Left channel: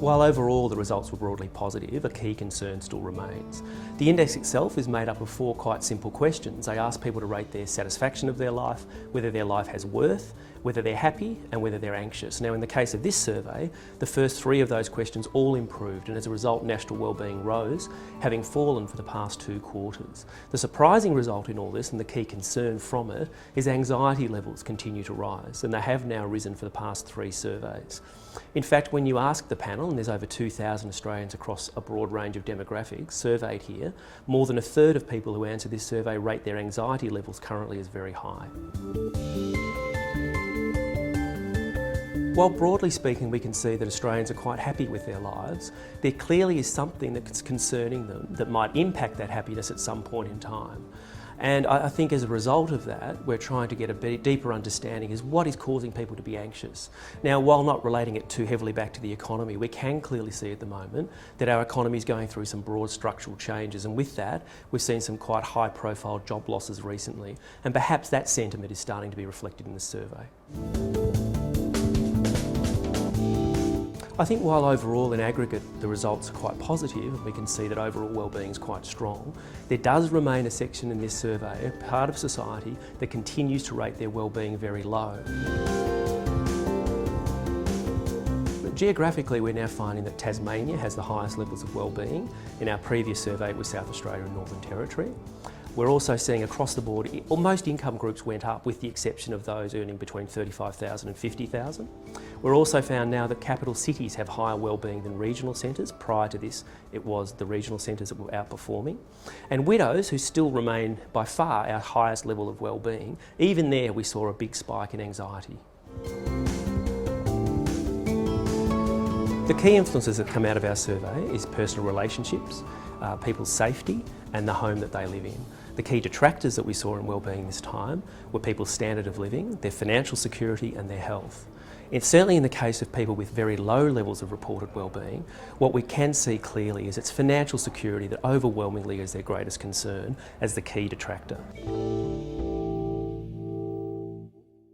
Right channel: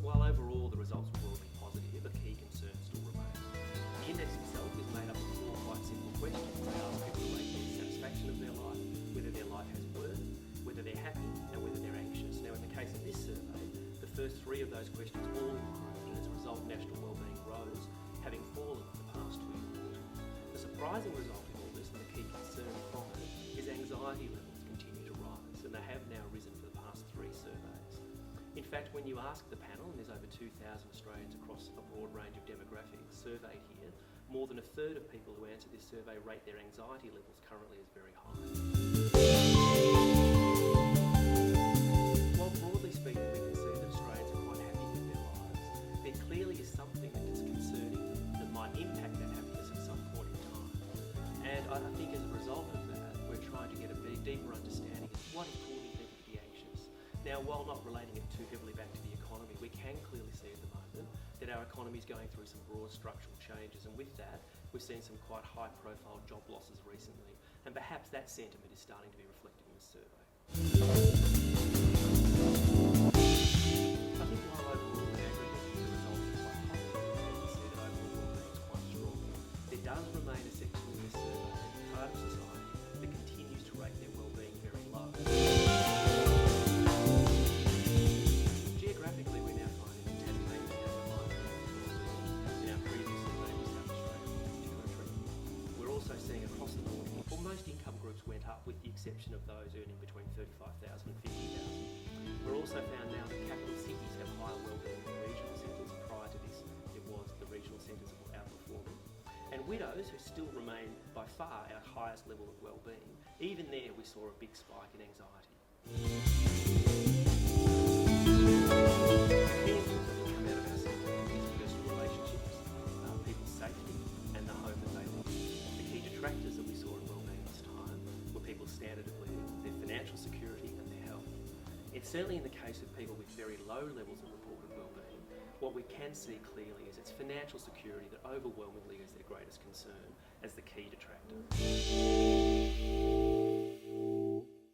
While overall the results were broadly positive, a key concern still remains. The index itself is made up of 4 quite simple questions. They ask people to rate their satisfaction of their life, whether their life has worth, whether they're happy and whether they're anxious. Now in the case of this survey, the first 3 of those questions all improved, and as a result national wellbeing rose, having fallen for the past 2 quarters. The surprising result in all this, and the key concern from it, is anxiety levels continue to rise, and they have now risen for the past 3 surveys. In fact, when you ask the panel, and there's over 2,000 Australians across a broad range of demographics surveyed here, more than a third of people who answer this survey rate their anxiety levels currently as very high. While broadly speaking we can see that Australians are quite happy with their lives, there clearly is something that's concerning them that might impact that happiness at some point in time. And I think as a result of that, we're trying to get a deeper understanding is what is causing people to be anxious. Now, while not relating it too heavily back to the economy, we can clearly see at the moment that our economy is going through some broad structural changes, and with that, we've seen some quite high-profile job losses recently, and perhaps that sentiment is starting to be reflected in the survey. I think while overall in aggregate the results are quite positive, we can see that overall wellbeing is quite strong, there does remain a section in this survey, a part of society, that continues to rate their wellbeing very low. But geographically, we're now finding that Tasmania has the highest levels of wellbeing. In our previous survey with South Australia and Northern Territory. We're also seeing across the board, most income groups went up with the exception of those earning between $35,000 and $50,000. We're also found now that capital cities have higher wellbeing than regional centres. Prior to this, it was the regional centres that were outperforming. And widows, who still remain by far our highest level of wellbeing, even there we saw a big spike in anxiety. The key influences that come out of our survey is personal relationships, people's safety and the home that they live in. The key detractors that we saw in wellbeing this time were people's standard of living, their financial security and their health. It's certainly in the case of people with very low levels of reported wellbeing, what we can see clearly is it's financial security that overwhelmingly is their greatest concern as the key detractor.